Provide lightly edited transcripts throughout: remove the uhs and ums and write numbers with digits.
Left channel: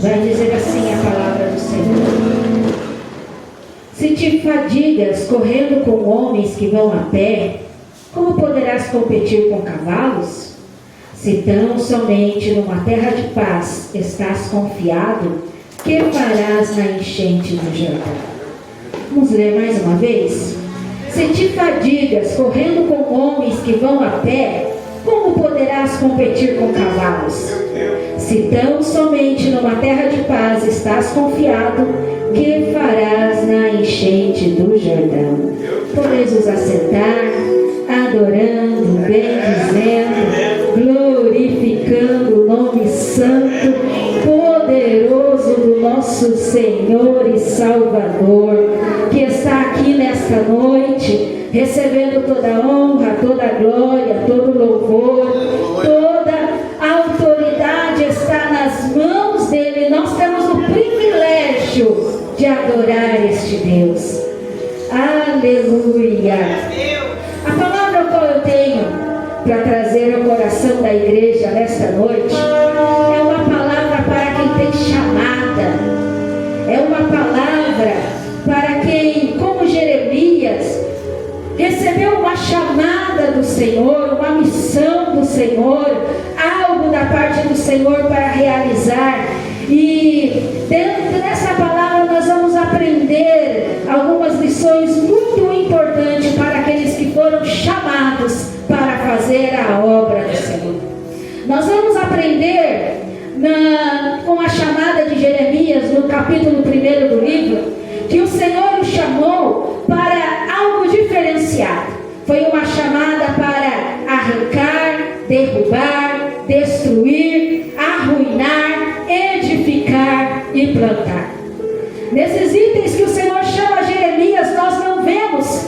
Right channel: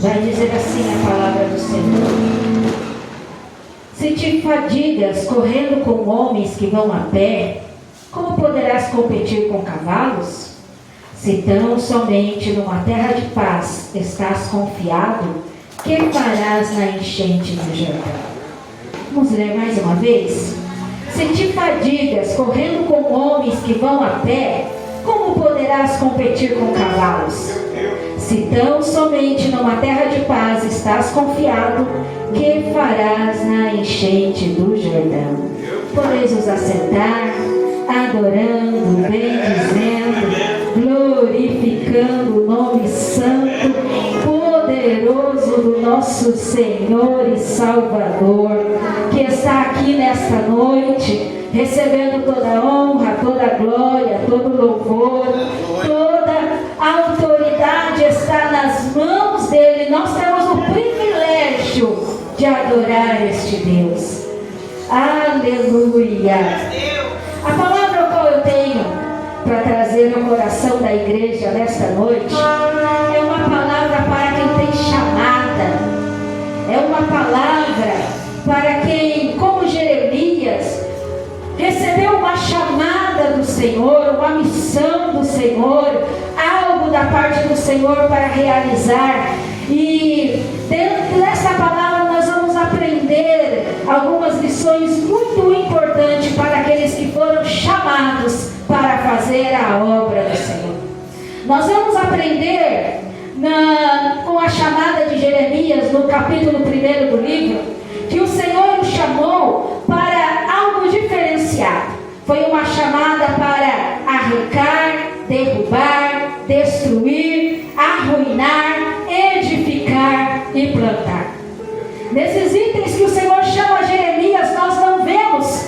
Vai dizer assim a palavra do Senhor: se te fadigas correndo com homens que vão a pé, como poderás competir com cavalos? Se tão somente numa terra de paz estás confiado, que farás na enchente do Jordão? Vamos ler mais uma vez? Se te fadigas correndo com homens que vão a pé, como poderás competir com cavalos? Se tão somente numa terra de paz estás confiado, que farás na enchente do Jordão? Podeis os assentar, adorando, bendizendo, glorificando o nome santo, poderoso do nosso Senhor e Salvador, que está aqui nesta noite, recebendo toda a honra, toda a glória, todo o louvor, toda a autoridade está nas mãos dele. Nós temos o privilégio de adorar este Deus. Aleluia! A palavra qual eu tenho para trazer ao coração da igreja nesta noite é uma palavra para quem tem chamada, é uma palavra para quem, como Jeremias, recebeu uma chamada do Senhor, uma missão do Senhor, algo da parte do Senhor para realizar. E dentro dessa palavra nós vamos aprender algumas lições muito importantes para aqueles que foram chamados para fazer a obra do Senhor. Nós vamos aprender com a chamada de Jeremias, no capítulo 1 do livro, que o Senhor o chamou para algo diferenciado. Foi uma chamada para arrancar, derrubar, destruir, arruinar, edificar e plantar. Nesses itens que o Senhor chama Jeremias, nós não vemos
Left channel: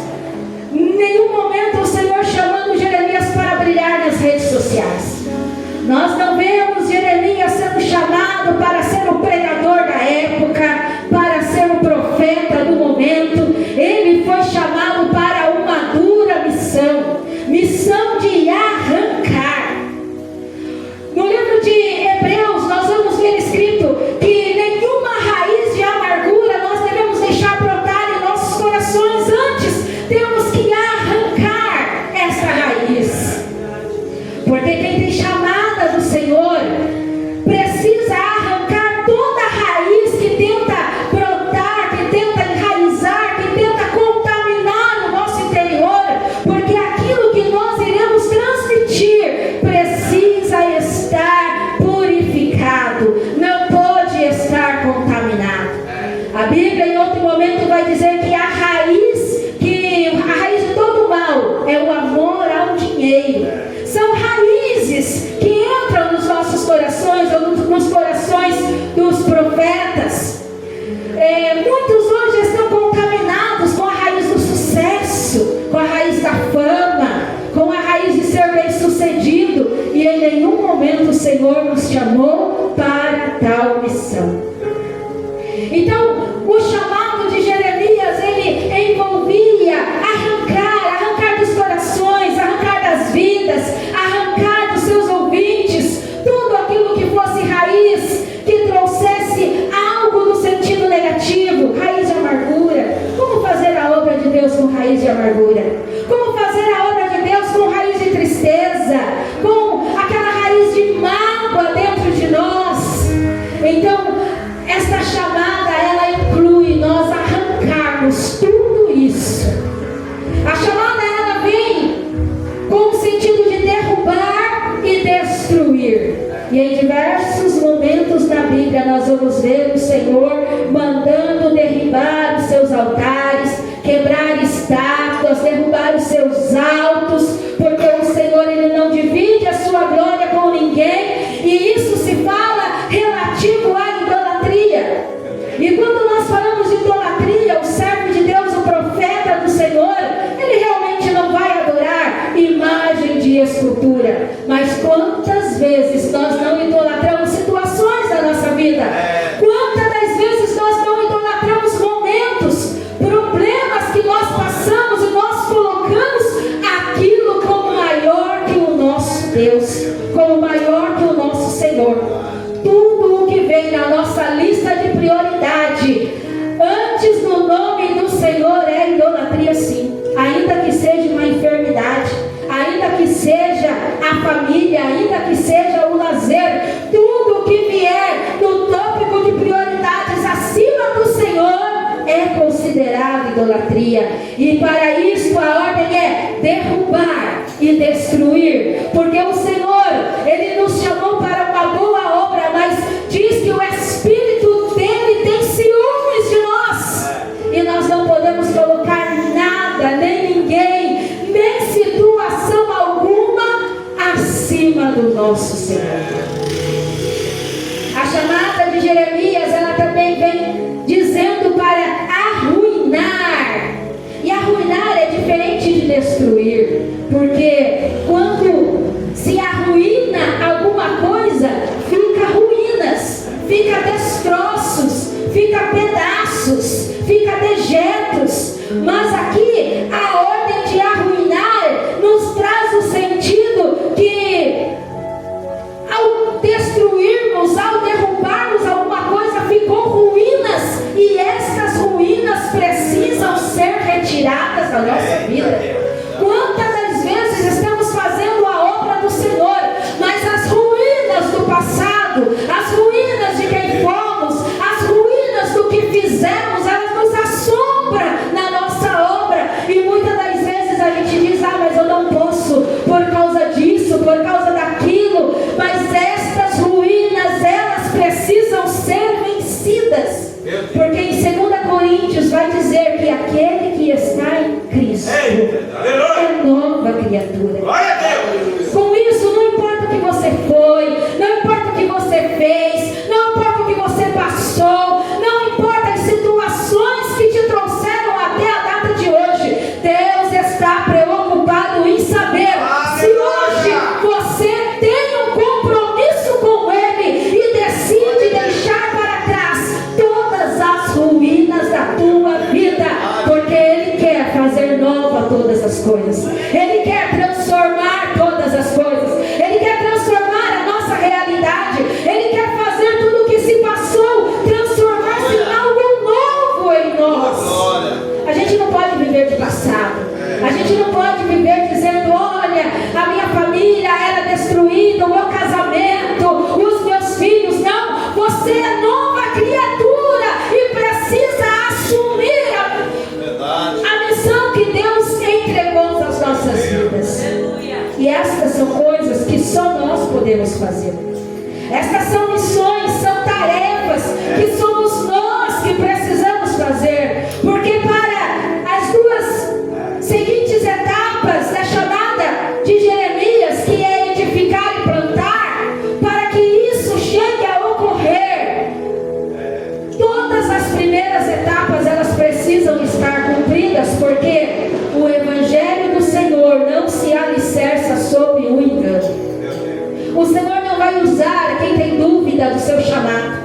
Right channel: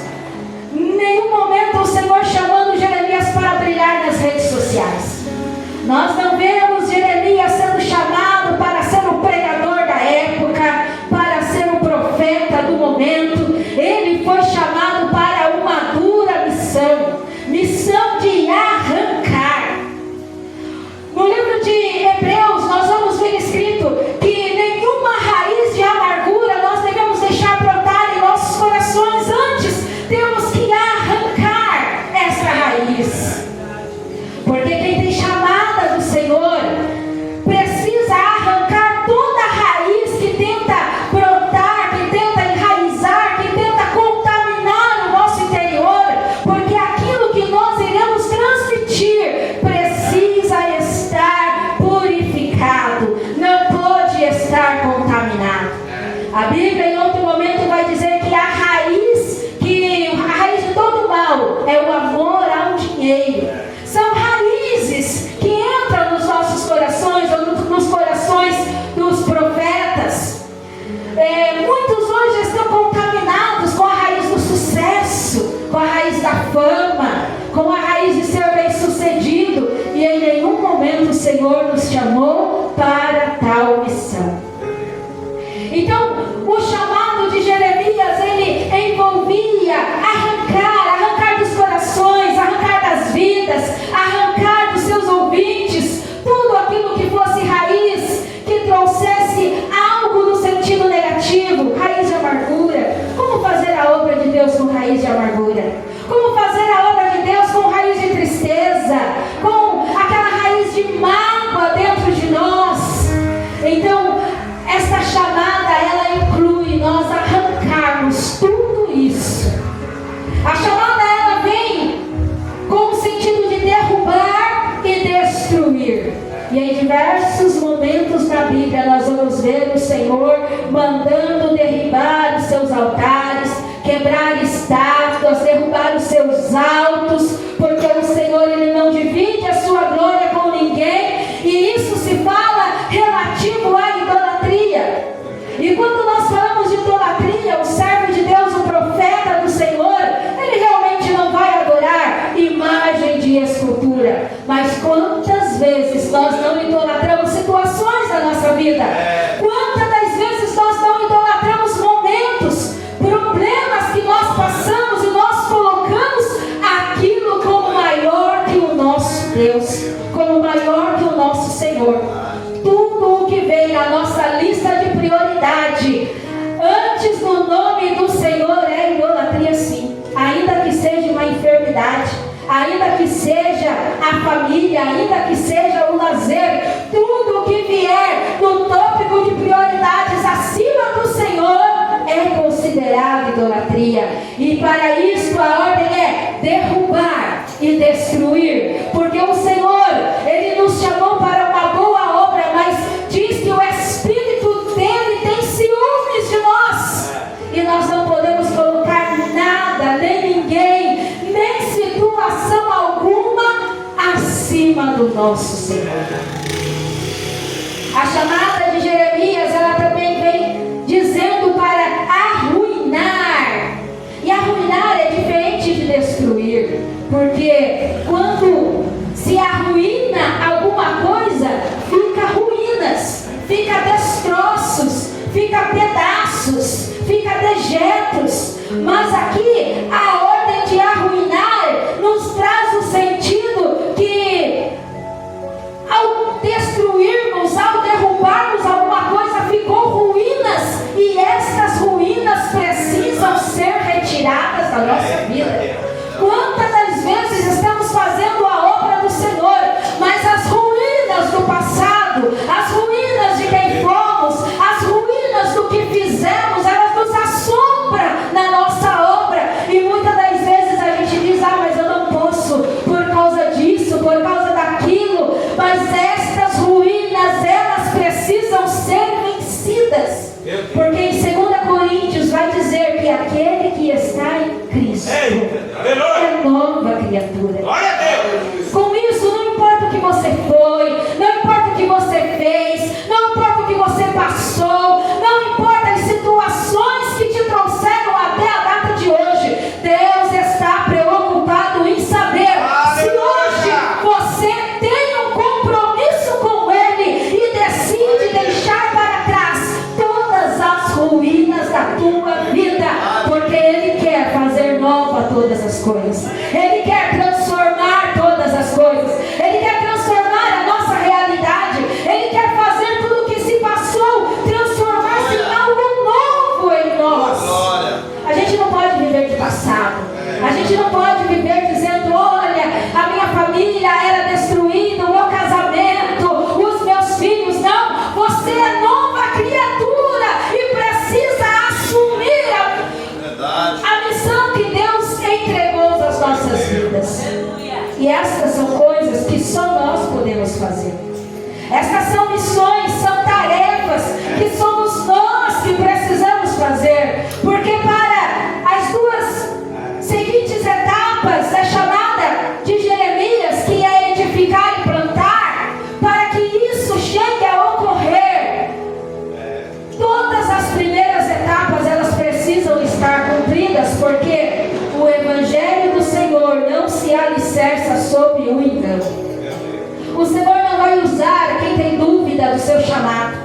em nenhum momento o Senhor chamando Jeremias para brilhar nas redes sociais. Nós não vemos Jeremias sendo chamado para ser o pregador da época, para ser o profeta do momento. Ele foi chamado para uma dura missão de arrancar. No livro de Hebreus nós vamos ver escrito que nenhuma raiz de amargura nós devemos deixar brotar em nossos corações. Antes temos que arrancar essa raiz, porque quem tem chamada do Senhor precisa arrancar toda a raiz que tenta brotar, que tenta enraizar, que tenta contaminar o nosso interior, porque aquilo que nós iremos transmitir precisa estar purificado, não pode estar contaminado. A Bíblia em outro momento vai dizer que a raiz de todo mal é o amor ao dinheiro. São raízes que entram nos nossos corações, ou nos corações dos profetas. Muitos hoje estão contaminados com a raiz do sucesso, com a raiz da fama, com a raiz de ser bem sucedido, e em nenhum momento o Senhor nos chamou para tal missão. Então, o chamado de Jeremias, ele envolvia arrancar dos corações, arrancar das vidas, arrancar dos seus ouvintes, tudo aquilo que fosse raiz, que trouxesse algo no sentido negativo, raiz de amargura. Como fazer a obra de Deus com raiz de amargura? Como fazer a obra de Deus com raiz de tristeza, com aquela raiz de mágoa dentro de nós? Então, essa chamada, ela inclui nós arrancarmos tudo isso. A chamada, ela vem com o sentido de derrubar e destruir. E em diversos momentos da Bíblia nós vamos ver o Senhor mandando derribar os seus altares, quebrar estátuas, derrubar os seus altos, porque o Senhor, ele não divide a sua glória com ninguém, e isso se fala relativo à idolatria. E quando nós falamos de idolatria, o servo de Deus, o profeta do Senhor, ele realmente não vai adorar imagem de escultura. Mas quantas vezes nós não idolatramos situações da nossa vida? Quantas das vezes nós não idolatramos momentos, problemas que nós passamos, e nós colocamos aquilo como maior que o nosso Deus, como maior que o nosso Senhor. Tudo o que vem na nossa família, ainda que seja o lazer, tudo o que vier do tópico de prioridades acima do Senhor é considerado idolatria. E para isso a ordem é derrubar e destruir, porque o Senhor, Ele nos chamou para uma boa obra, mas diz que o Espírito dele tem ciúmes de nós, e nós não podemos colocar nada, nem ninguém, nem situação alguma acima do nosso Senhor. A chamada de Jeremias, ela também vem dizendo para arruinar, e arruinar é diferente de destruir, porque quando se arruína alguma coisa, fica ruínas, fica destroços, fica pedaços, fica dejetos. Mas aqui a ordem de arruinar nos traz o sentido que ao destruirmos, ao derrubarmos alguma coisa, ficou ruínas, e essas ruínas precisam ser retiradas da nossa vida. Quantas das vezes estamos fazendo a obra do Senhor, mas as ruínas do passado, as ruínas de quem fomos, as ruínas do que fizemos, elas nos assombram na nossa obra, e muitas das vezes a gente diz: mas eu não posso por causa disso, por causa daquilo. Mas estas ruínas, elas precisam ser vencidas, porque em 2 Coríntios vai dizer que aquele que está em Cristo é nova criatura. Com isso, não importa o que você foi, não importa o que você fez, não importa o que você passou, não importa as situações que te trouxeram até a data de hoje, Deus está preocupado em saber se hoje você tem um compromisso com Ele e decide deixar para trás todas as ruínas da tua vida, porque Ele quer fazer nova todas as coisas, Ele quer transformar todas as coisas, Ele quer transformar a nossa realidade, Ele quer fazer tudo o que se passou, transformar-se em algo novo em nós. A gente não pode viver de passado, a gente não pode viver dizendo: olha, a minha família era destruída, o meu casamento, os meus filhos. Não, você é nova criatura e precisa assumir a missão que Deus entregou às nossas vidas. E estas são coisas que só nós podemos fazer. Estas são missões, são tarefas que somos nós que precisamos fazer, porque para as duas seguintes etapas da chamada de Jeremias, que é edificar e plantar, para que isso chegue a ocorrer, todas as primeiras etapas elas precisam estar cumpridas, porque o Evangelho do Senhor não se alicerça sobre o engano. O Senhor não vai usar quem tem dúvida do seu chamado.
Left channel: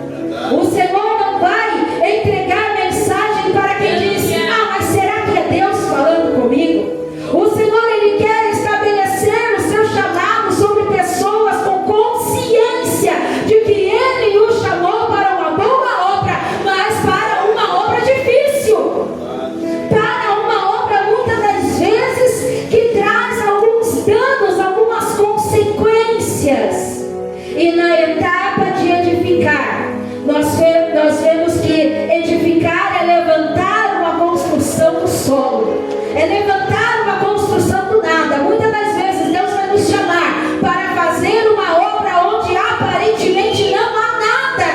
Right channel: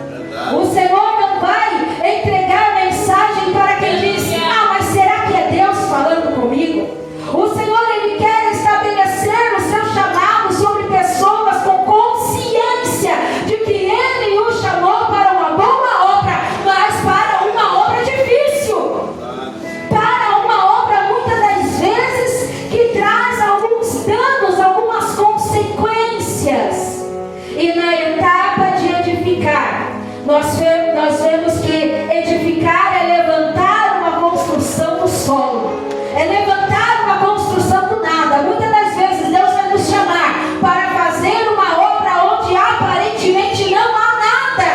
O Senhor não vai entregar mensagem para quem diz: mas será que é Deus falando comigo? O Senhor, Ele quer estabelecer o seu chamado sobre pessoas com consciência de que Ele o chamou para uma boa obra, mas para uma obra difícil, para uma obra muitas das vezes que traz alguns danos, algumas consequências. E na etapa de edificar, nós vemos que edificar é levantar uma construção do solo, é levantar uma construção do nada. Muitas das vezes Deus vai nos chamar para fazer uma obra onde aparentemente não há nada,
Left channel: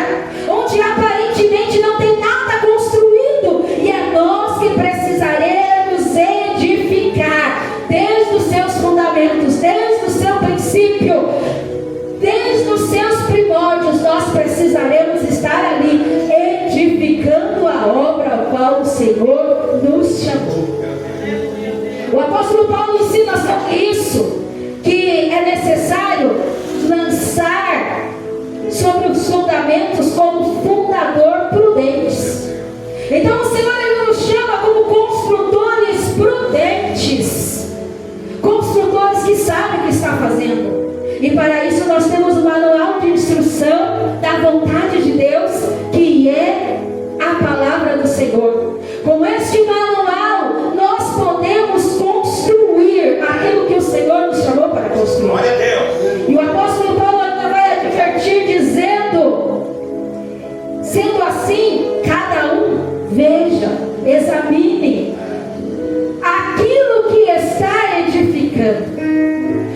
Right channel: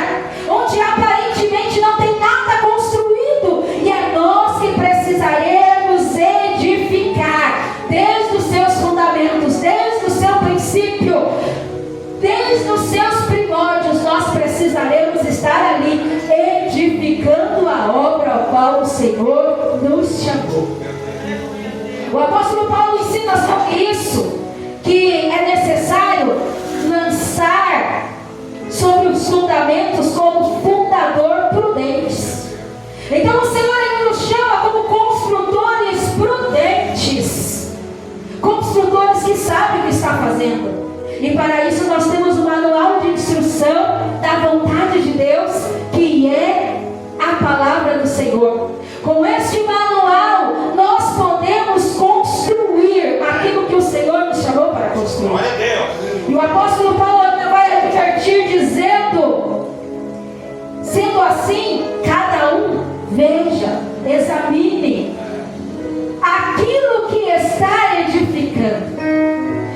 onde aparentemente não tem nada construído, e é nós que precisaremos edificar desde os seus fundamentos, desde o seu princípio, desde os seus primórdios. Nós precisaremos estar ali edificando a obra ao qual o Senhor nos chamou. O apóstolo Paulo ensina sobre isso, que é necessário lançar sobre os fundamentos como fundador prudentes. Então o Senhor, Ele nos chama como construtores prudentes, construtores que sabem o que está fazendo. E para isso nós temos um manual de instrução da vontade de Deus, que é a palavra do Senhor. Com este manual nós podemos construir aquilo que o Senhor nos chamou para construir. assim, cada um veja, examine aquilo que está edificando.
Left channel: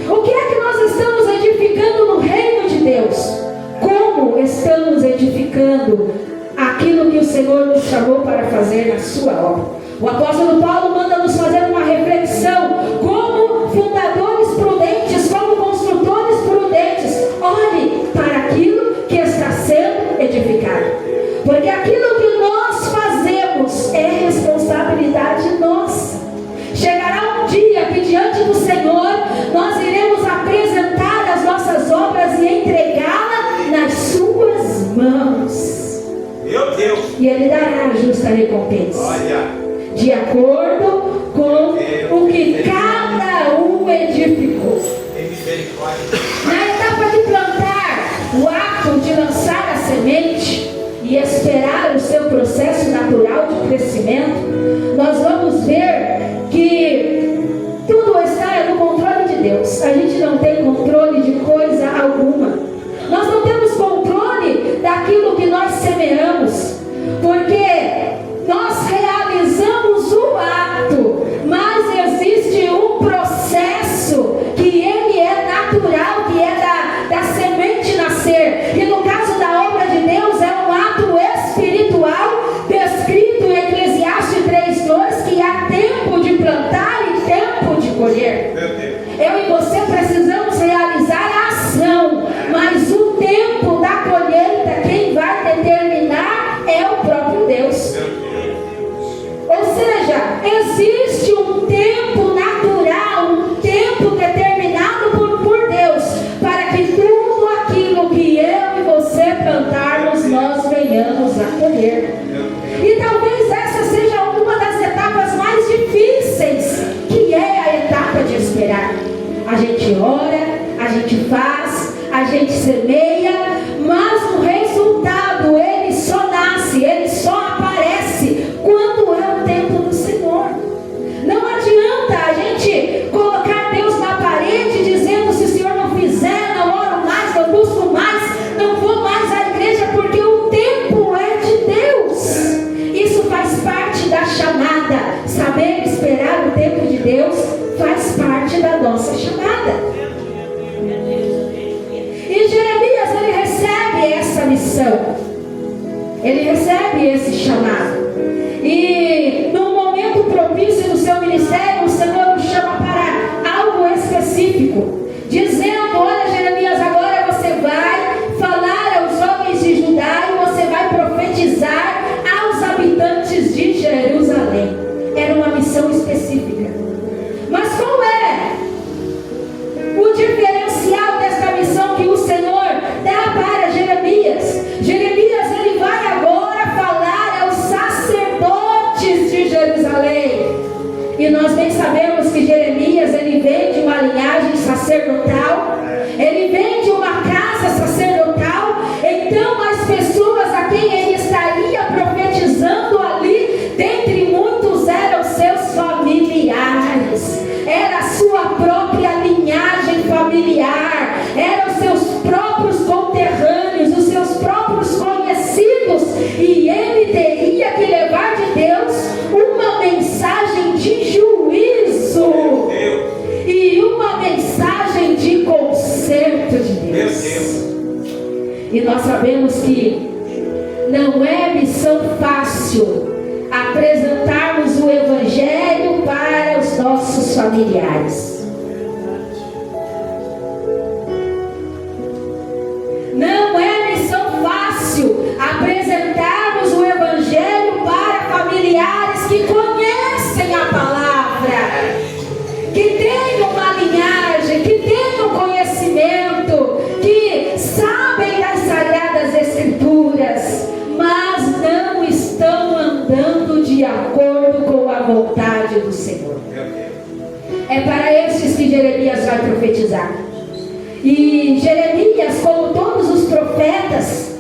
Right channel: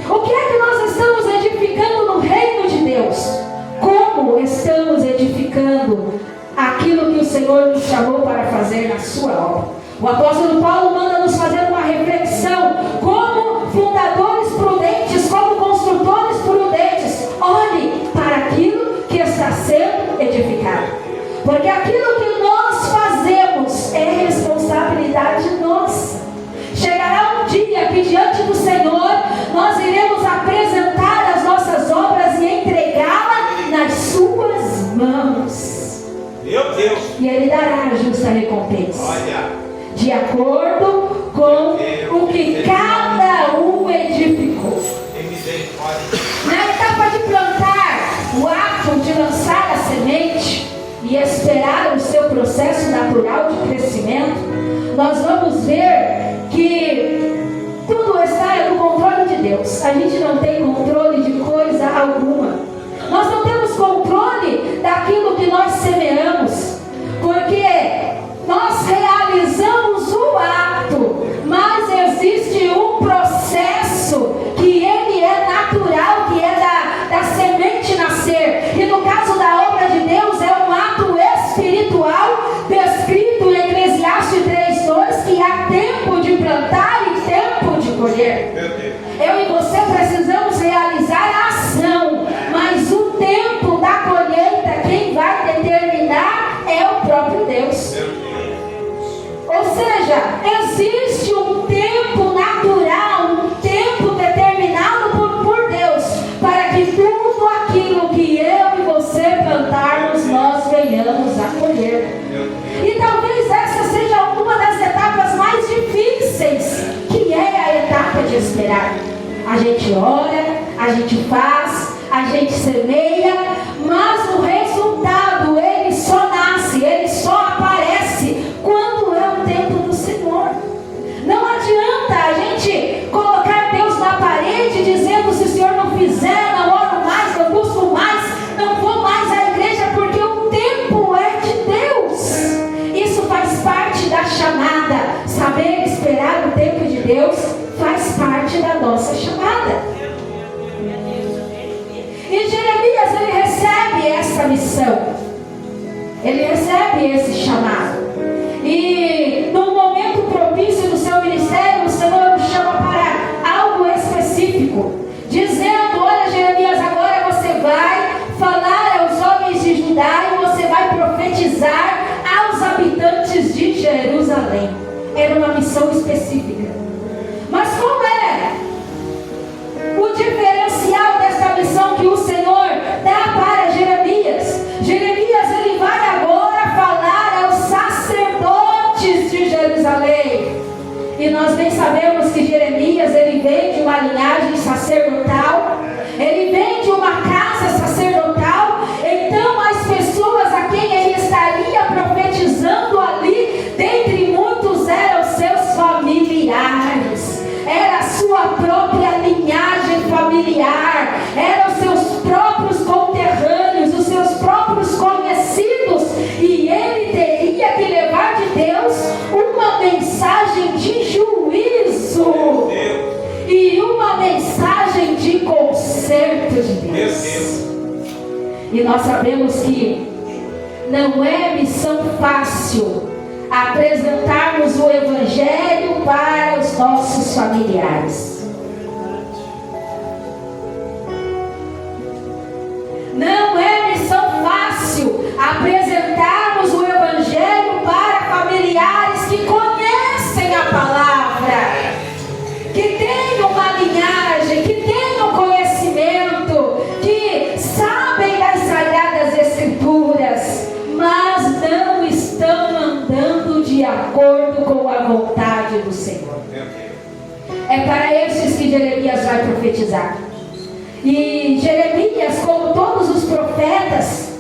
O que é que nós estamos edificando no reino de Deus? Como estamos edificando aquilo que o Senhor nos chamou para fazer na sua obra? O apóstolo Paulo manda nos fazer uma reflexão, como fundadores prudentes, como construtores prudentes. Olhe para aquilo que está sendo edificado, porque aquilo que nós fazemos é responsabilidade nossa. Chegará um dia que diante do Senhor nós iremos apresentar as nossas obras e entregá-las nas suas mãos. Meu Deus! E Ele dará a justa recompensa. Olha, de acordo com o que cada um edificou. Na etapa de plantar, o ato de lançar a semente e esperar o seu processo natural de crescimento, nós vamos ver que tudo está no controle de Deus. A gente não tem controle de coisa alguma. Nós não temos controle daquilo que nós semeamos, porque nós realizamos o ato, mas existe um processo que ele é natural, que é da semente nascer. E no caso da obra de Deus é um ato espiritual, descrito em Eclesiastes 3:2, que há tempo de plantar e tempo de colher. Eu e você precisamos realizar a ação, mas o tempo da colheita, quem vai determinar é o próprio Deus. Ou seja, existe um tempo natural, um tempo determinado por Deus, para que tudo aquilo que eu e você plantarmos, nós venhamos a colher. E talvez essa seja uma das etapas mais difíceis, que é a etapa de esperar. A gente ora, a gente faz, a gente semeia, mas o resultado, ele só nasce, ele só aparece quando é o tempo do Senhor. Não adianta a gente colocar Deus na parede dizendo: se o Senhor não fizer, não oro mais, não busco mais, não vou mais à igreja, porque o tempo é de Deus. Isso faz parte da chamada. Saber esperar o tempo de Deus faz parte da nossa chamada. E Jeremias, ele recebe essa missão, ele recebe esse chamado, e num momento propício do seu ministério, o Senhor o chama para algo específico, dizendo: olha, Jeremias, agora você vai falar aos homens de Judá e você vai profetizar aos habitantes de Jerusalém. Era uma missão específica. Mas qual é o diferencial desta missão que o Senhor dá para Jeremias? Jeremias, ele vai agora falar aos sacerdotes de Jerusalém. E nós bem sabemos que Jeremias, ele vem de uma linhagem sacerdotal, ele vem de uma casa sacerdotal. Então as pessoas a quem ele estaria profetizando ali, dentre muitos, eram seus familiares, era a sua própria linhagem familiar, eram os seus próprios conterrâneos, os seus próprios conhecidos, e ele teria que levar de Deus uma mensagem de juízo e uma mensagem de conserto de Deus. E nós sabemos que não é missão fácil apresentarmos o Evangelho para os nossos familiares. Não é missão fácil apresentarmos o Evangelho para familiares que conhecem a palavra, que têm uma linhagem, que têm um conhecimento, que sabem das Sagradas Escrituras, mas não estão andando de acordo com a vontade do Senhor. É para esses que Jeremias vai profetizar. E Jeremias, como todos os profetas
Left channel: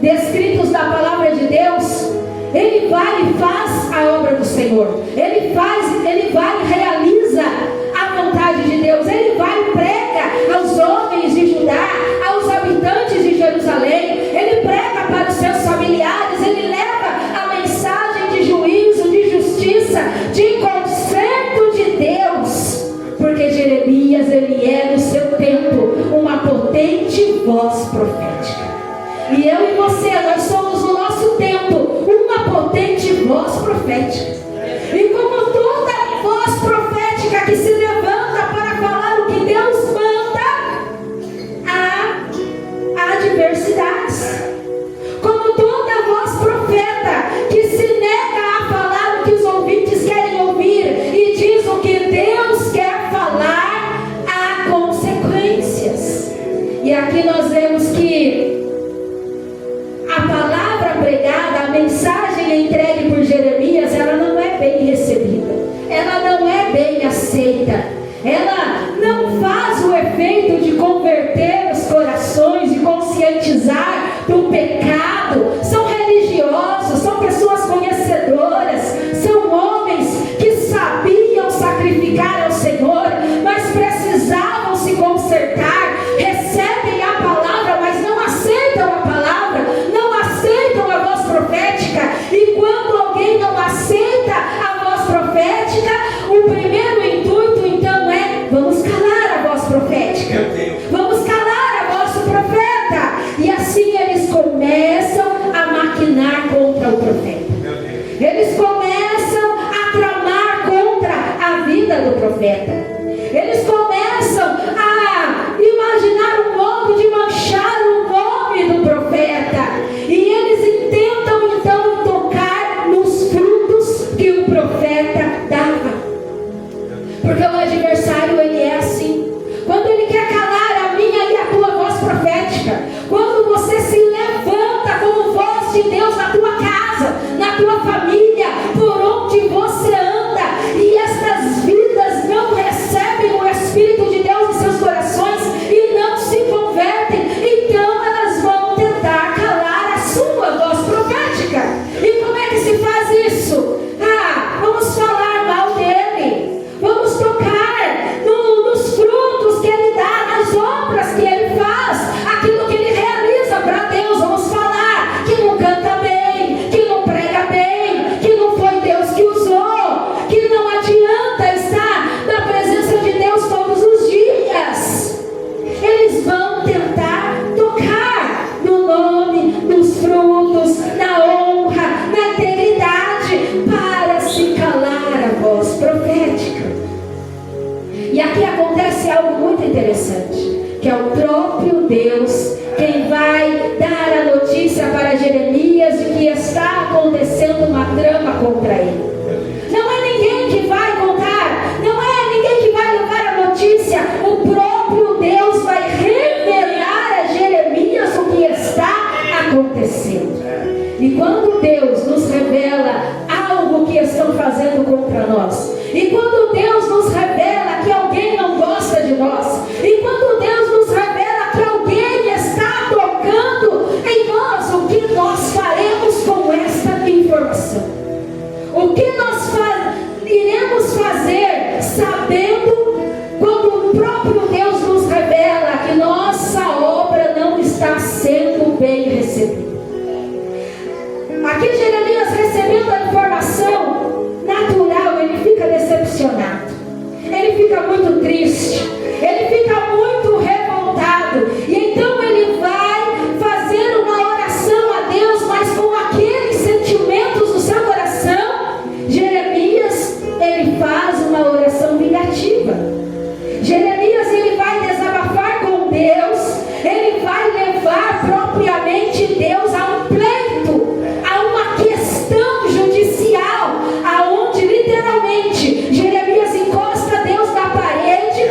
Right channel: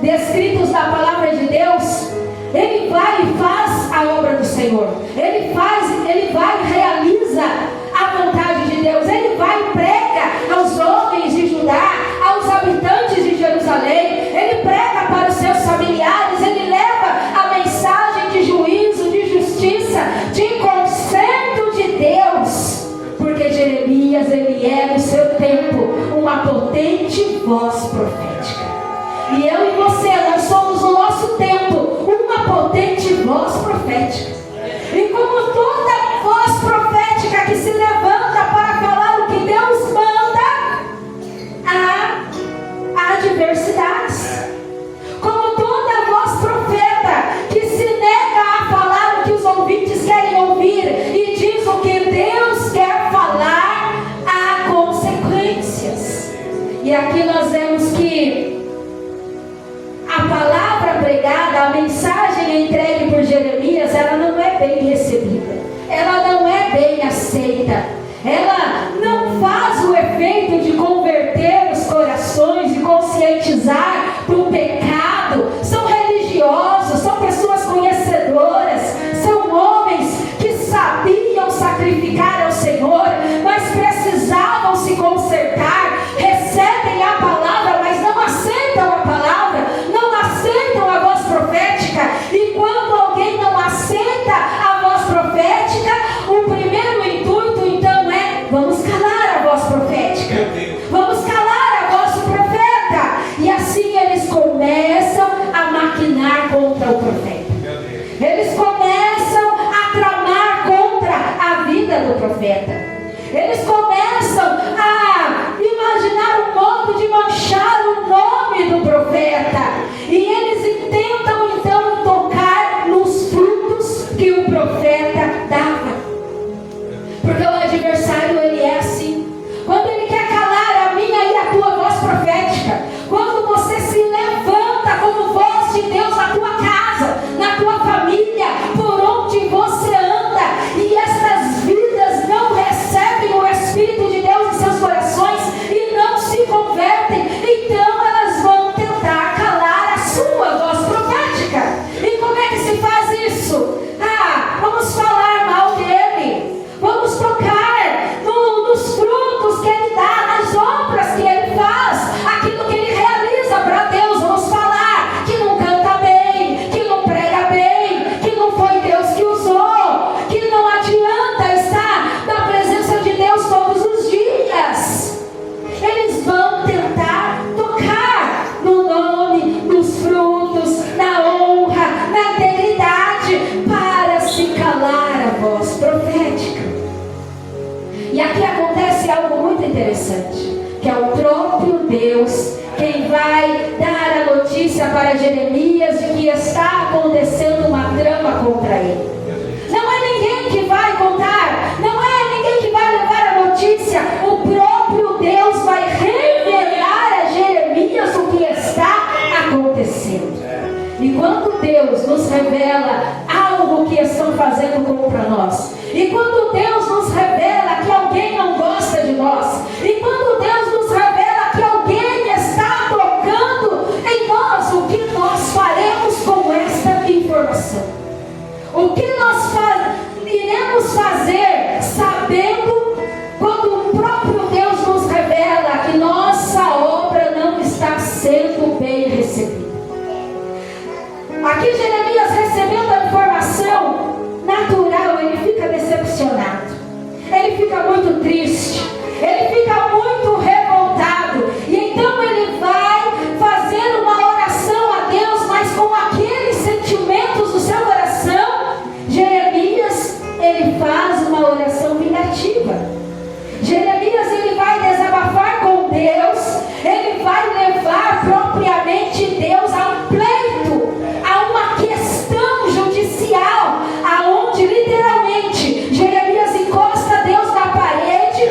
descritos na palavra de Deus, ele vai e faz a obra do Senhor. Ele vai e realiza a vontade de Deus. Ele vai e prega aos homens de Judá, aos habitantes de Jerusalém. Ele prega para os seus familiares. E eu e você, nós somos no nosso tempo uma potente voz profética. E como toda voz profética que se levanta para falar o que Deus manda, há adversidades. Como toda voz profeta que se nega a falar o que os ouvintes querem ouvir e diz o que Deus quer falar, há consequências. E aqui nós vemos que a palavra pregada, a mensagem entregue por Jeremias, ela não é bem recebida, ela não é bem aceita, ela não faz o efeito de converter os corações, de conscientizar do pecado. São religiosos, são pessoas conhecedoras, são homens que sabiam sacrificar ao Senhor, mas precisavam se consertar, recebem a palavra, mas não aceitam a palavra, não aceitam a voz profética. E quando alguém não aceita a voz profética, o primeiro intuito então é: vamos calar a voz profética, vamos calar a voz do profeta. E assim eles começam a maquinar contra o profeta, eles começam a tramar contra a vida do profeta, eles começam a imaginar um modo de manchar o nome do profeta, e eles intentam então tocar nos frutos que o profeta dava, porque o adversário ele é assim. Quando ele quer calar a minha e a tua voz profética, quando você se levanta como voz de Deus na tua casa, na tua família, por onde você anda, e estas vidas não recebem o Espírito de Deus em seus corações e não se convertem, então elas vão tentar calar a sua voz profética. E como é que se faz isso? Vamos falar mal dele, vamos tocar nos frutos que ele dá, nas obras que ele faz, aquilo que ele realiza para Deus. Vamos falar que não canta bem, que não prega bem, que não foi Deus que usou, que não adianta estar na presença de Deus todos os dias. Eles vão tentar tocar no nome, nos frutos, na honra, na integridade, para se calar a voz profética. E aqui acontece algo muito interessante, que é o próprio Deus quem vai dar a notícia para Jeremias de que está acontecendo uma trama contra ele. Não é ninguém que vai contar, não é ninguém que vai levar a notícia. O próprio Deus vai revelar a Jeremias o que está acontecendo. E quando Deus nos revela algo que estão fazendo contra nós, e quando Deus nos revela que alguém não gosta de nós, e quando Deus nos revela que alguém está tocando em nós, o que nós faremos com esta informação? O que nós iremos fazer sabendo quando o próprio Deus nos revela que nossa obra não está sendo bem recebida? Aqui Jeremias, recebendo a informação natural, ele fica decepcionado, ele fica muito triste, ele fica muito revoltado, e então ele vai fazer uma oração a Deus, mas com aqueles sentimentos do seu coração. Jeremias, ele faz uma oração vingativa. Jeremias, ele vai desabafar com Deus, ele vai levar propriamente Deus a um pleito, a uma questão judicial, aonde literalmente Jeremias encosta Deus na parede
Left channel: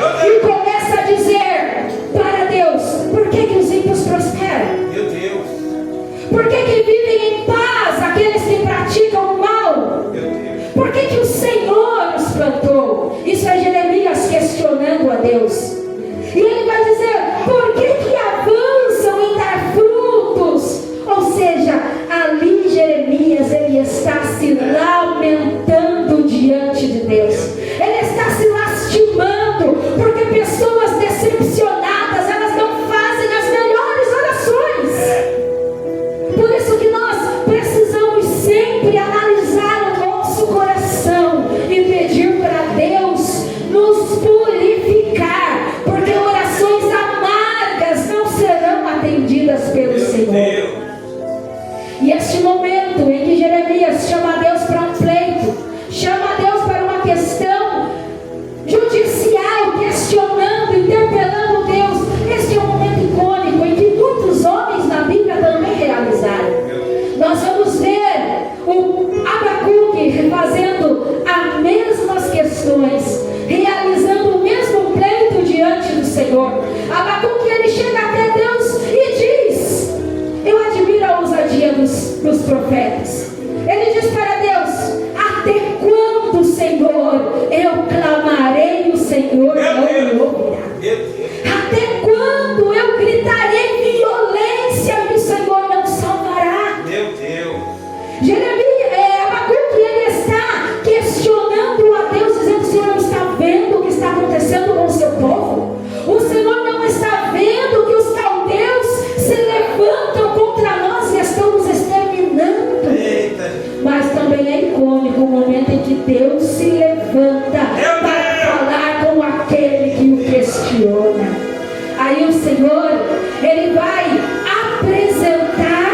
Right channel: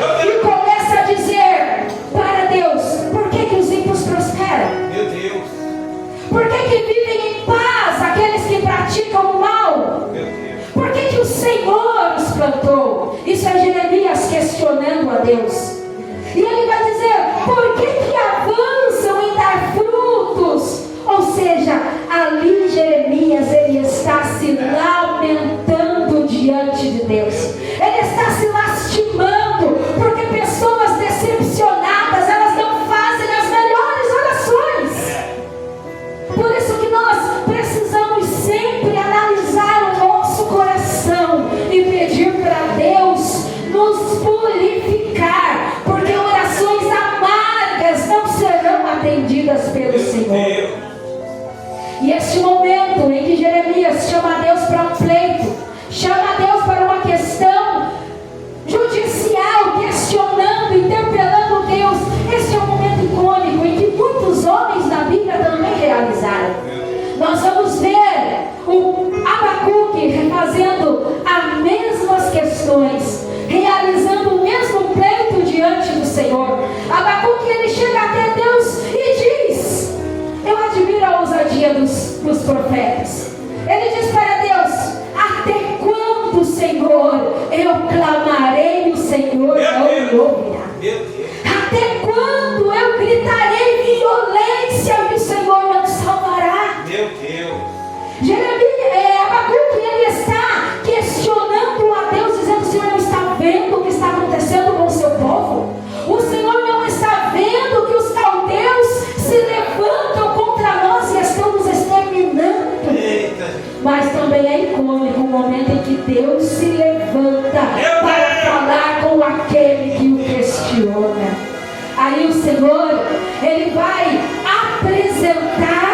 E este momento em que Jeremias chama Deus para um pleito, chama Deus para uma questão judicial, questionando, interpelando Deus, esse é um momento icônico em que muitos homens da Bíblia também realizaram. Nós vamos ver o Abacuque fazendo as mesmas questões, realizando o mesmo pleito diante do Senhor. Abacuque, ele chega até Deus e diz, eu admiro a ousadia dos profetas. Ele diz para Deus, até quando, Senhor, eu clamarei, o Senhor não me ouvirá? Até quando eu gritarei violência e o Senhor não salvará? Meu Deus. Abacuque, ele está questionando a Deus, dizendo, o Senhor não está vendo o que está acontecendo com o seu povo? O Senhor não está vendo que os caldeus se levantam contra nós e estão nos exterminando? Eita. Mas também é icônico o momento em que Deus se levanta para falar com aquele que o questiona. Aí o Senhor, ele vai apresentar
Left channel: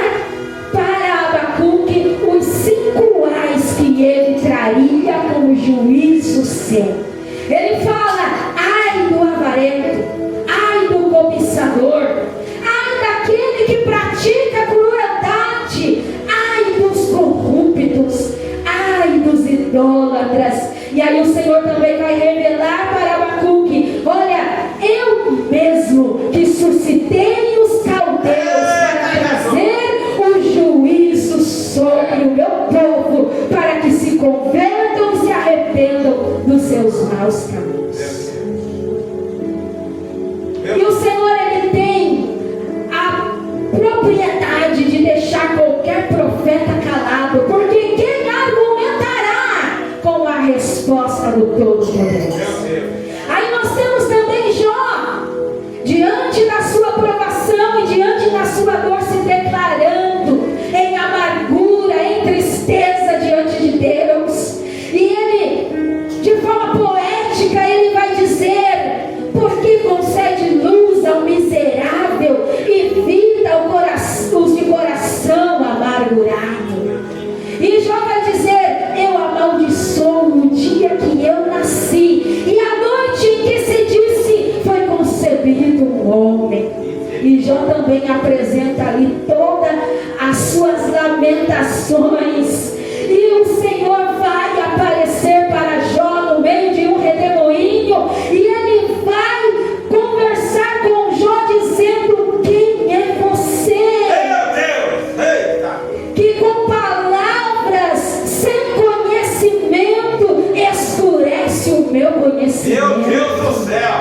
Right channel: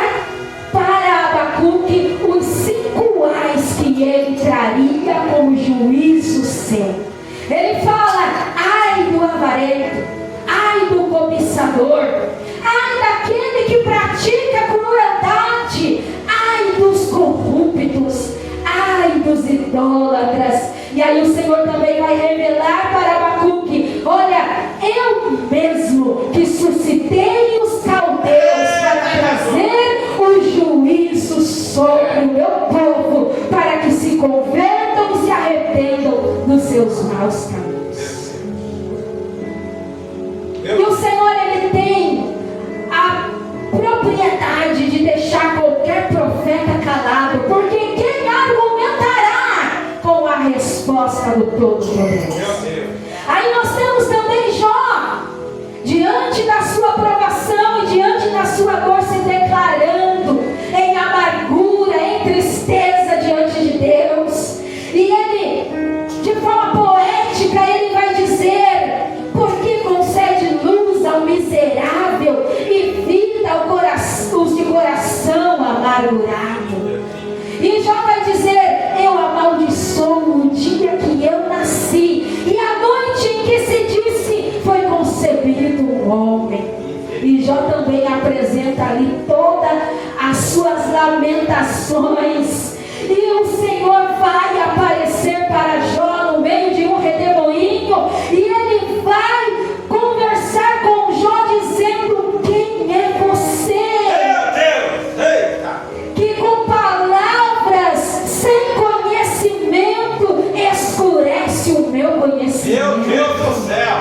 para Abacuque os 5 ais que ele traria como juízo seu. Ele fala, ai do avarento, ai do cobiçador, ai daquele que pratica crueldade, ai dos corruptos, ai dos idólatras. E aí o Senhor também vai revelar para Abacuque, olha, eu mesmo que suscitei os caldeus para trazer o juízo sobre o meu povo, para que se convertam e se arrependam dos seus maus caminhos. E o Senhor, ele tem a propriedade de deixar qualquer profeta calado, porque quem argumentará com a resposta do Todo-Poderoso? Aí nós temos também Jó, diante da sua provação e diante da sua dor, se declarando em amargura, em tristeza diante de Deus. E ele, de forma poética, ele vai dizer, porque concede luz ao miserável e vida os de coração amargurado. E Jó vai dizer, eu amaldiçoo o dia que eu nasci e a noite em que se disse foi concebido um homem. E Jó também apresenta ali todas as suas lamentações. E o Senhor vai aparecer para Jó no meio de um redemoinho, e ele vai conversar com Jó dizendo, quem é você? Meu Deus. Eita. Que com palavras sem conhecimento escurece o meu conhecimento. Meu Deus do céu.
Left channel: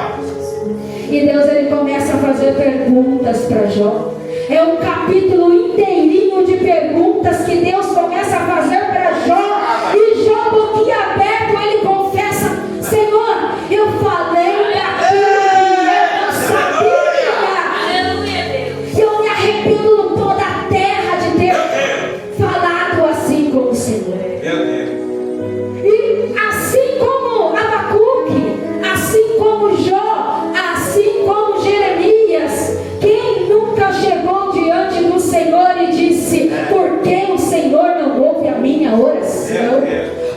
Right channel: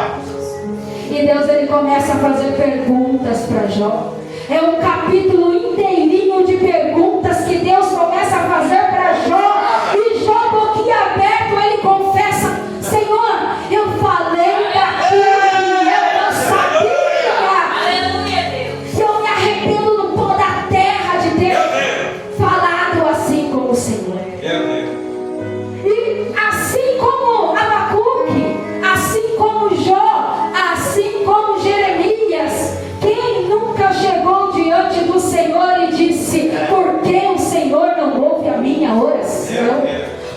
E Deus, ele começa a fazer perguntas para Jó. É um capítulo inteirinho de perguntas que Deus começa a fazer para Jó. E Jó, boquinha aberta, ele confessa, Senhor, eu falei daquilo que eu não sabia. Que eu me arrependo no pó da terra de ter falado assim com o Senhor. E assim como Abacuque, assim como Jó, assim como Jeremias, quem nunca chegou diante do Senhor e disse, por que o Senhor não ouve a minha oração?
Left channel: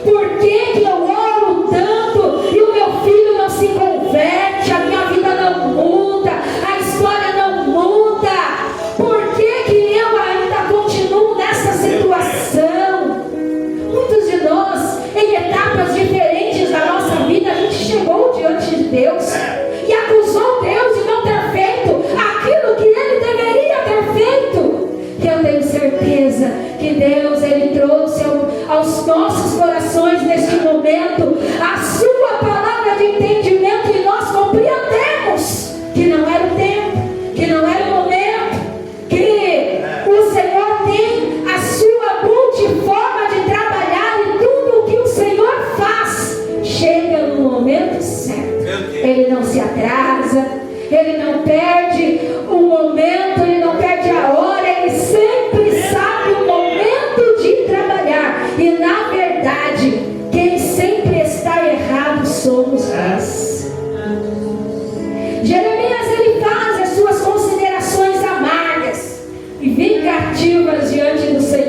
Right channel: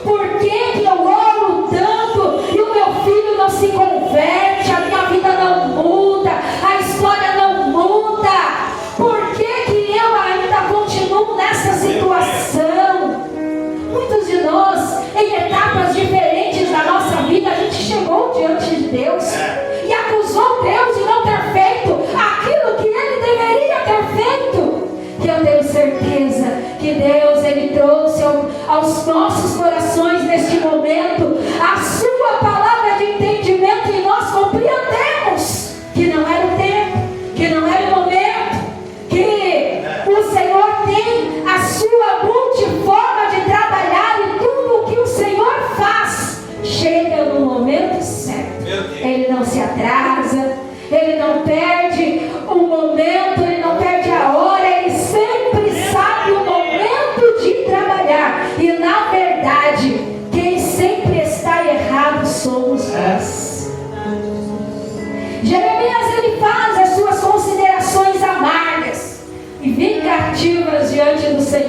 Por que eu oro tanto e o meu filho não se converte, a minha vida não muda, a história não muda? Por que eu ainda continuo nessa situação? Muitos de nós, em etapas diferentes da nossa vida, a gente chegou diante de Deus e acusou Deus de não ter feito aquilo que Ele deveria ter feito. Que eu tenho certeza que Deus, Ele trouxe aos nossos corações neste momento a sua palavra de entendimento, e nós compreendemos que não era o tempo, que não era o momento, que o Senhor tem a sua multiforma de trabalhar, e tudo o que o Senhor faz chega no momento certo. Ele não se atrasa, Ele não perde o momento, Ele não perde a hora, Ele sempre sabe o momento de trabalhar. E na verdade, quem sempre está errado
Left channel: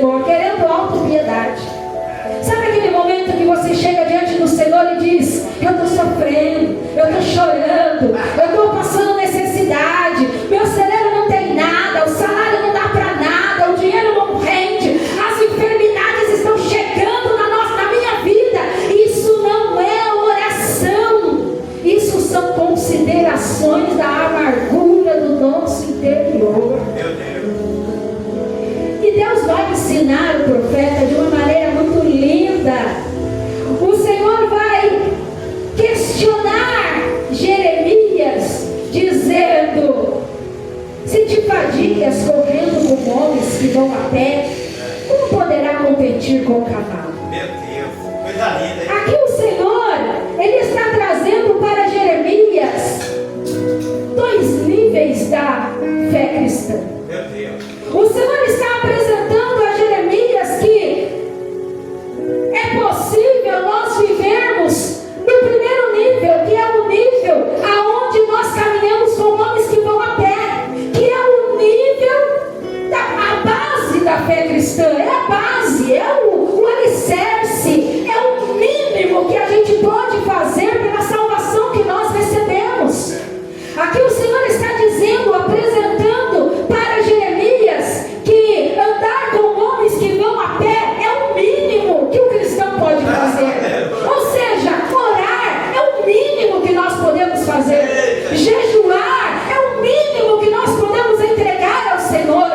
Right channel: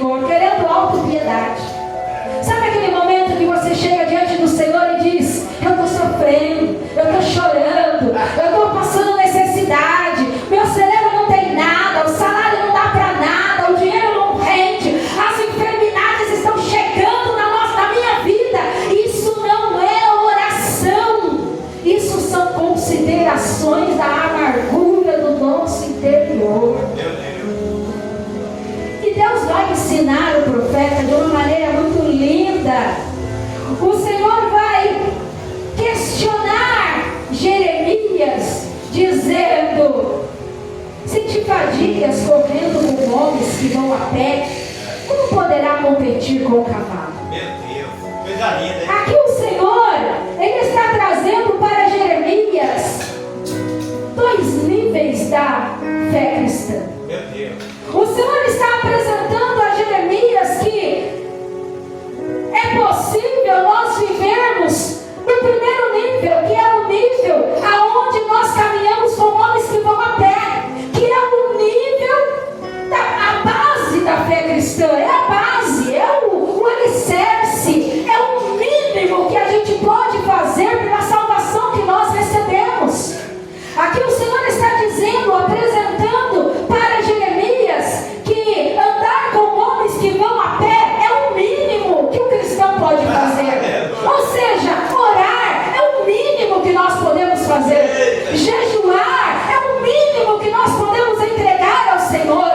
Senhor, querendo autopiedade. Sabe aquele momento que você chega diante do Senhor e diz: eu estou sofrendo, eu estou chorando, eu estou passando necessidade, meu cerebro não tem nada, o salário não dá para nada, o dinheiro não rende, as enfermidades estão chegando na minha vida. Isso não é oração, isso são considerações da amargura do nosso interior. E Deus vai ensinar o profeta de uma maneira muito linda. O Senhor vai questionar Jeremias, dizendo: se te fadigas correndo com homens que vão a pé, como poderá competir com o cavalo? Meu Deus, coisa linda, hein? Aqui o Senhor, Ele está trazendo para Jeremias 2 níveis da fé cristã. Meu Deus. O Senhor está apresentando a Jeremias que é possível nós vivermos no primeiro nível, que é o nível aonde nós caminhamos com homens que vão a pé, que é o nível a base da fé cristã, é a base, é o alicerce, é o mínimo que a gente pode fazer pela salvação que nós recebemos. Aqui o Senhor está dizendo, apresentando para Jeremias, que andar com homens que vão a pé é o mínimo que o cristão pode fazer. Ou seja, orar é o mínimo que nós podemos fazer. Jejuar é o mínimo que nós podemos entregar ao Senhor.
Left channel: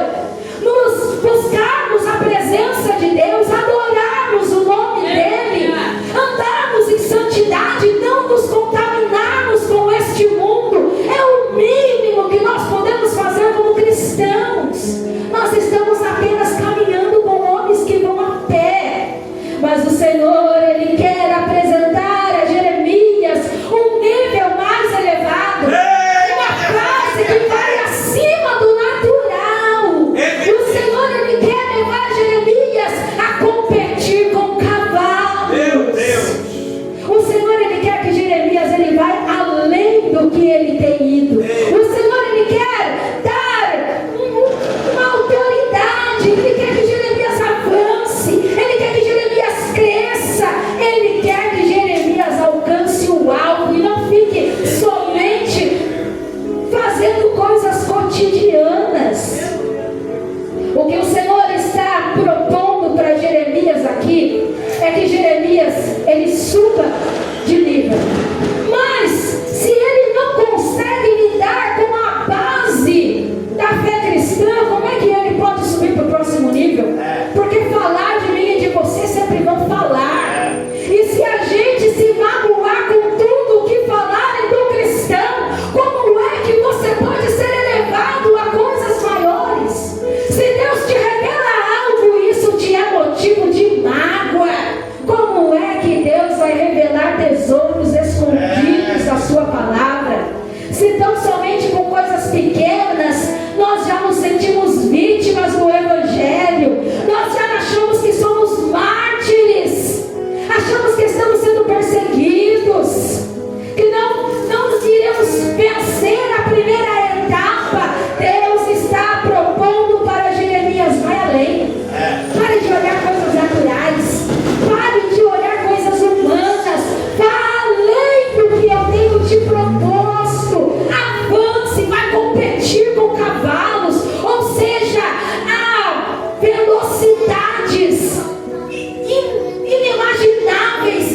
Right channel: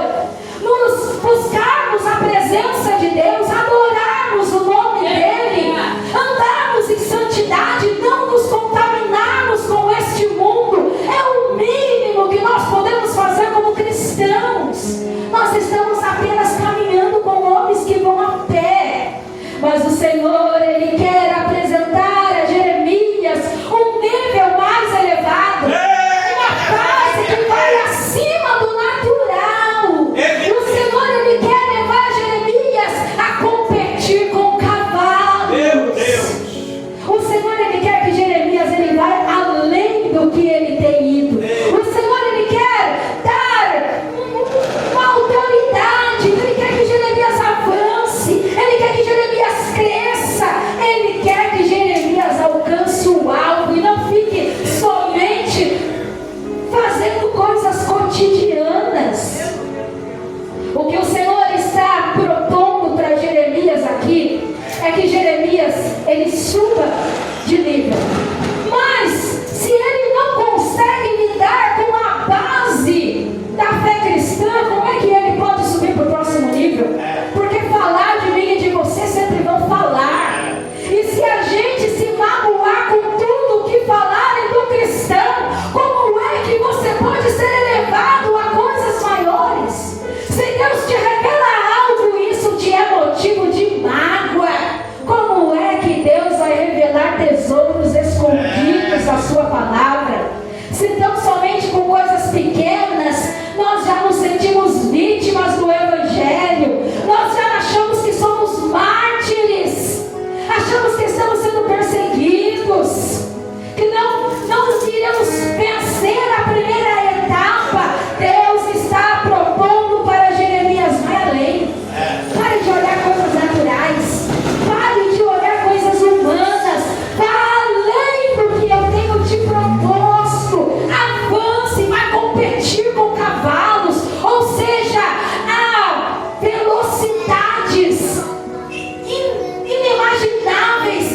Nos buscarmos a presença de Deus, adorarmos o nome dEle, andarmos em santidade, não nos contaminarmos com este mundo, é o mínimo que nós podemos fazer como cristãos. Nós estamos apenas caminhando com homens que vão a pé, mas o Senhor, Ele quer apresentar a Jeremias um nível mais elevado, uma fase que vai acima do natural. O Senhor, Ele quer levar Jeremias a competir com cavalos. Meu Deus. O Senhor, Ele quer que Jeremias ele vai além do que ele tem ido. O Senhor, Ele quer dar uma autoridade. Ele quer que Jeremias avance. Ele quer que Jeremias cresça. Ele quer que Jeremias alcance o alvo e não fique somente fazendo coisas cotidianas. O que o Senhor está propondo para Jeremias aqui é que Jeremias ele suba de nível. Mas se ele não consegue lidar com a base da fé cristã, como é que ele pode subir para o próximo nível? Porque falar de mim e de você sempre vão falar. E se a gente se magoar com tudo que falarem do cristão, como é que você pode ser elevado a coisas maiores? Se Deus te revela algo e isso te é motivo de mágoa, como é que Deus vai revelar tesouros escondidos da sua palavra? Se tão somente com coisas pequenas nós já nos sentimos vítimas do Evangelho, nós já achamos que somos mártires, achamos que estamos sendo perseguidos, que não iremos vencer a primeira etapa. Deus está propondo para Jeremias: vai além. Pare de olhar coisas naturais, pare de olhar coisas humanas, vá além do que eu tenho te proposto. Avance, vai competir com cavalos, ou seja, há velocidades inimagináveis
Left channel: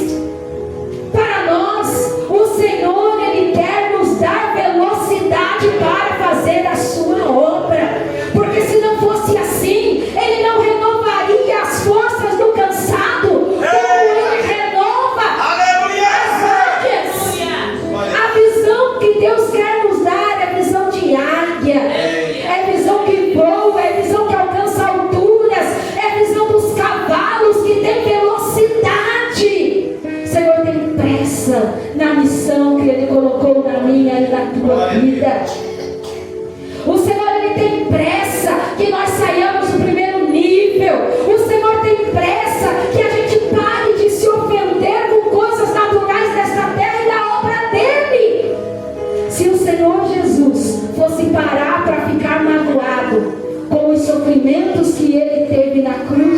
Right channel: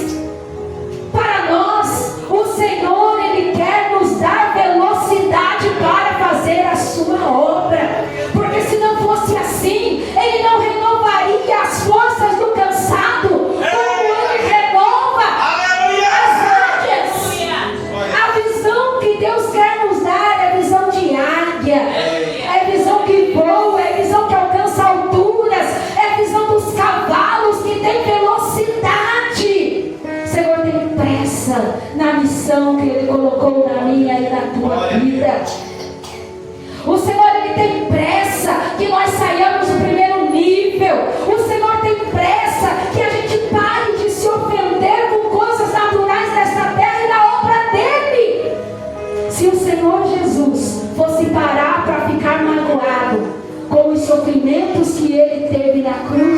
para nós. O Senhor, Ele quer nos dar velocidade para fazer a sua obra, porque se não fosse assim, Ele não renovaria as forças do cansado, como Ele renova as águias. A visão que Deus quer nos dar é visão de águia, é visão que voa, é visão que alcança alturas, é visão dos cavalos que tem velocidade. O Senhor tem pressa na missão que Ele colocou na minha e na tua vida. O Senhor, Ele tem pressa que nós saiamos do primeiro nível. O Senhor tem pressa que a gente pare de se ofender com coisas naturais desta terra e da obra dEle. Se o Senhor Jesus fosse parar para ficar magoado com os sofrimentos que Ele teve na cruz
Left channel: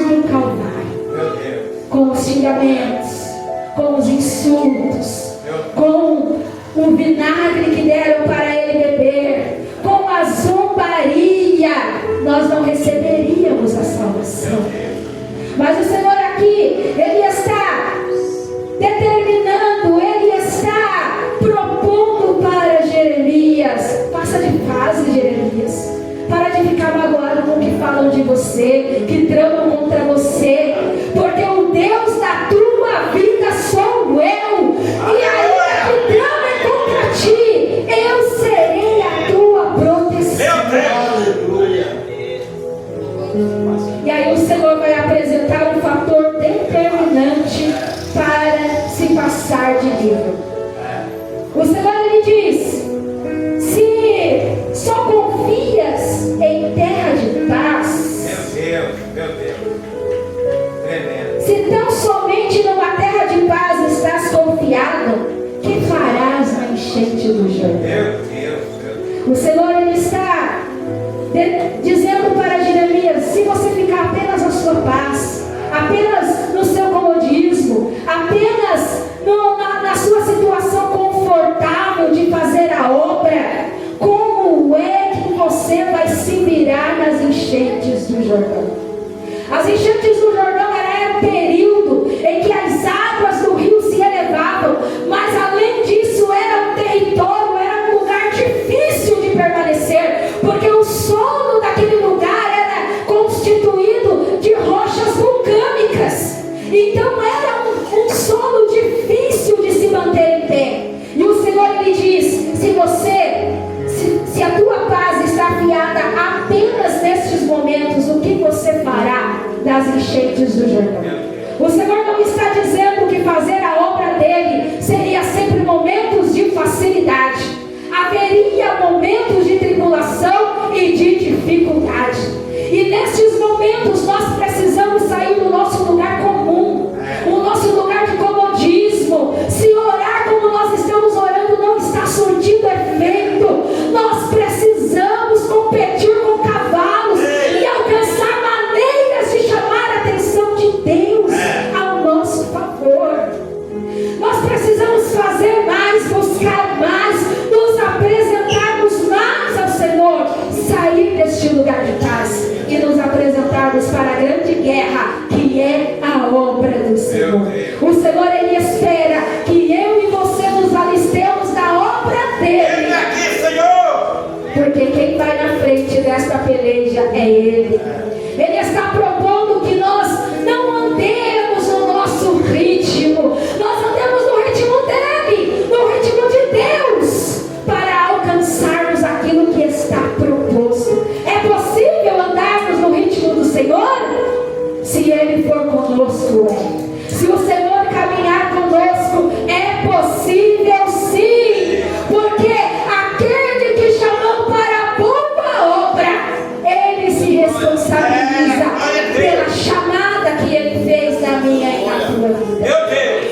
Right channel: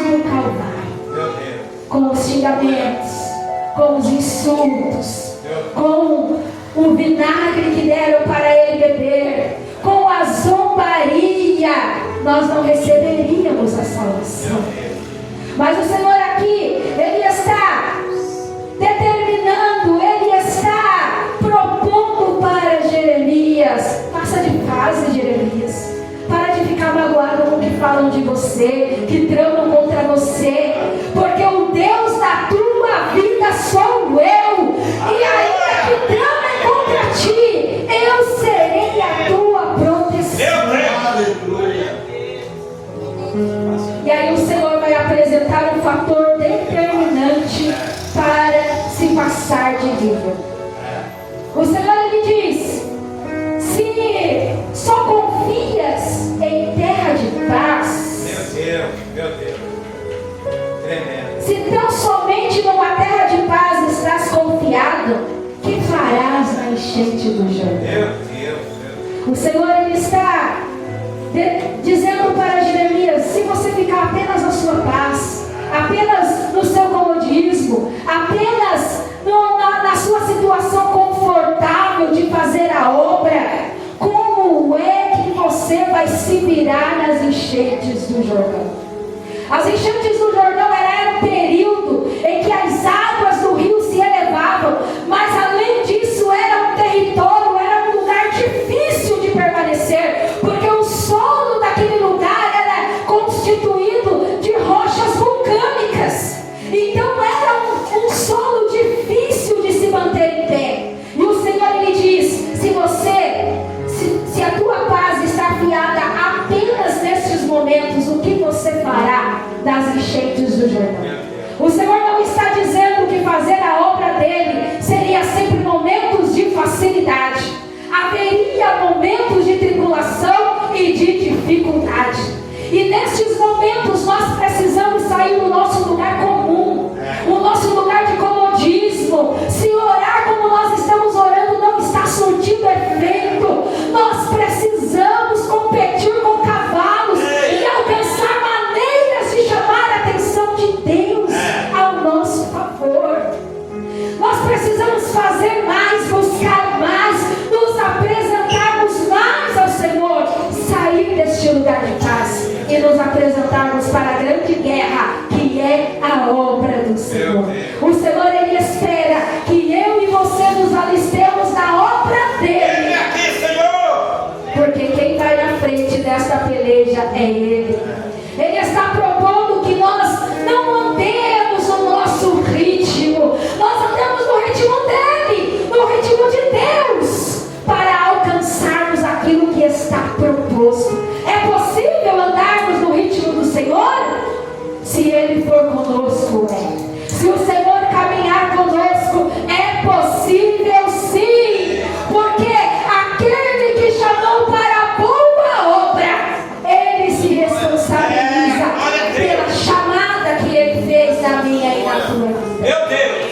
insultos, com o vinagre que deram para ele beber, com a zombaria, nós não receberíamos a salvação. Mas o Senhor aqui, Ele está determinando, Ele está propondo para Jeremias: passa de fase, Jeremias. Para de ficar magoado com o que falam de você, que tramam contra você, porque o Deus da tua vida sou eu, e ainda que tramem contra ti, eu serei a tua proteção. E aí o Senhor vai apresentar um fator determinante para se passar de nível. O Senhor, Ele diz: se só confias em terra de paz, Meu Deus, tremendo. se tão somente numa terra de paz estás confiado, que farás na enchente do Jordão? Meu Deus. O Senhor, Ele está dizendo para Jeremias: se você ficar apenas na sua paz, apenas no seu comodismo, apenas na sua situação confortável de fazer a obra, como é que você vai se virar nas enchentes do Jordão? As enchentes do Jordão era um período em que as águas do rio se elevavam, mas além disso era um território, era um lugar difícil de permanecer, porque o solo daquele lugar era constituído de rochas vulcânicas. Então era um solo difícil de se manter em pé. E o Senhor, Ele diz: se a tua paz está afiada apenas nestes momentos, o que você fará das enchentes do Jordão? O Senhor não está dizendo que fazer a obra dele seria sempre momentos de facilidade. Haveria momentos de tribulação e de dificuldade. E nestes momentos nós precisamos sair do nosso lugar comum, o nosso lugar de comodismo. Se orar como nós estamos orando não está surtindo efeito, nós precisamos competir com cavalos e alcançar maneiras de chamar a atenção de Deus ao nosso favor. Nós precisamos fazer mais, buscar mais, nos apresentarmos mais ao Senhor, sair deste lugar de paz e nos apresentarmos para a grande guerra, que é a obra do Senhor. O Senhor, Ele espera que eu e você nos alistemos na obra dele, porque quem vai na frente dessa peleja é Ele. Ele está propondo que nós não andemos no nosso ritmo, nós andemos no ritmo dele, no ritmo de Deus, para alcançarmos aquilo que está proposto. É possível andarmos no ritmo do Senhor? Se Ele for conosco, se o Senhor caminhar conosco, é possível sim, porque aquele que chamou para a boa obra, Ele se responsabiliza pela chamada que Ele fez na minha e na tua vida. Meu Deus.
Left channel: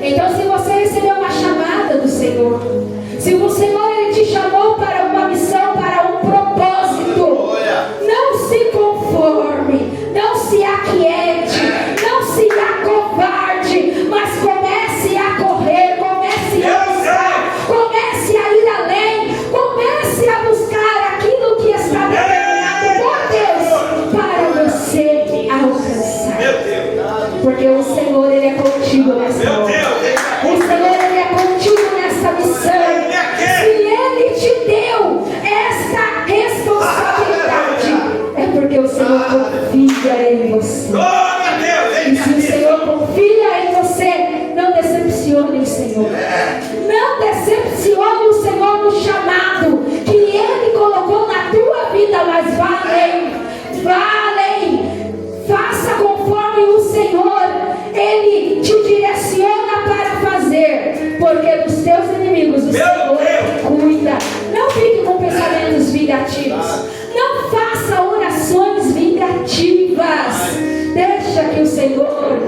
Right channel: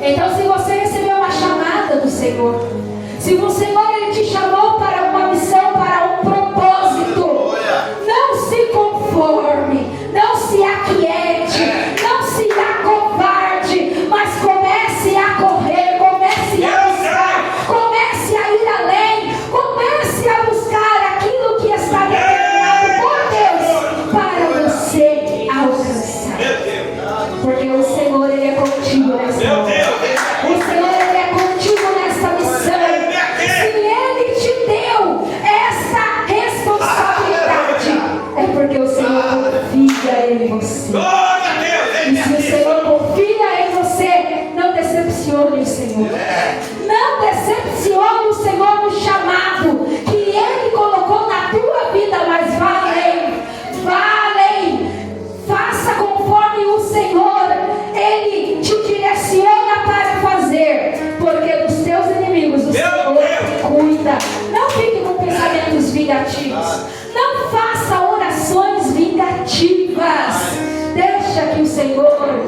Então, se você recebeu uma chamada do Senhor, se o Senhor, Ele te chamou para uma missão, para um propósito, não se conforme, não se aquiete, não se acovarde, mas comece a correr, comece a buscar, comece a ir além, comece a buscar aquilo que está determinado por Deus para você alcançar. Meu Deus. Porque o Senhor, Ele é contigo nessa Meu hora. Deus. O Senhor, Ele é contigo nessa missão. Se Ele te deu essa responsabilidade, é porque o Senhor confia em você. Glória a Deus. E se o Senhor confia em você, não decepcione o Senhor. Não decepcione o Senhor no chamado que Ele colocou na tua vida, mas vá além. Faça conforme o Senhor, Ele te direciona para fazer, porque dos teus inimigos o Senhor cuida. Não fique com pensamentos vingativos, não faça orações vingativas. Deixa que o Senhor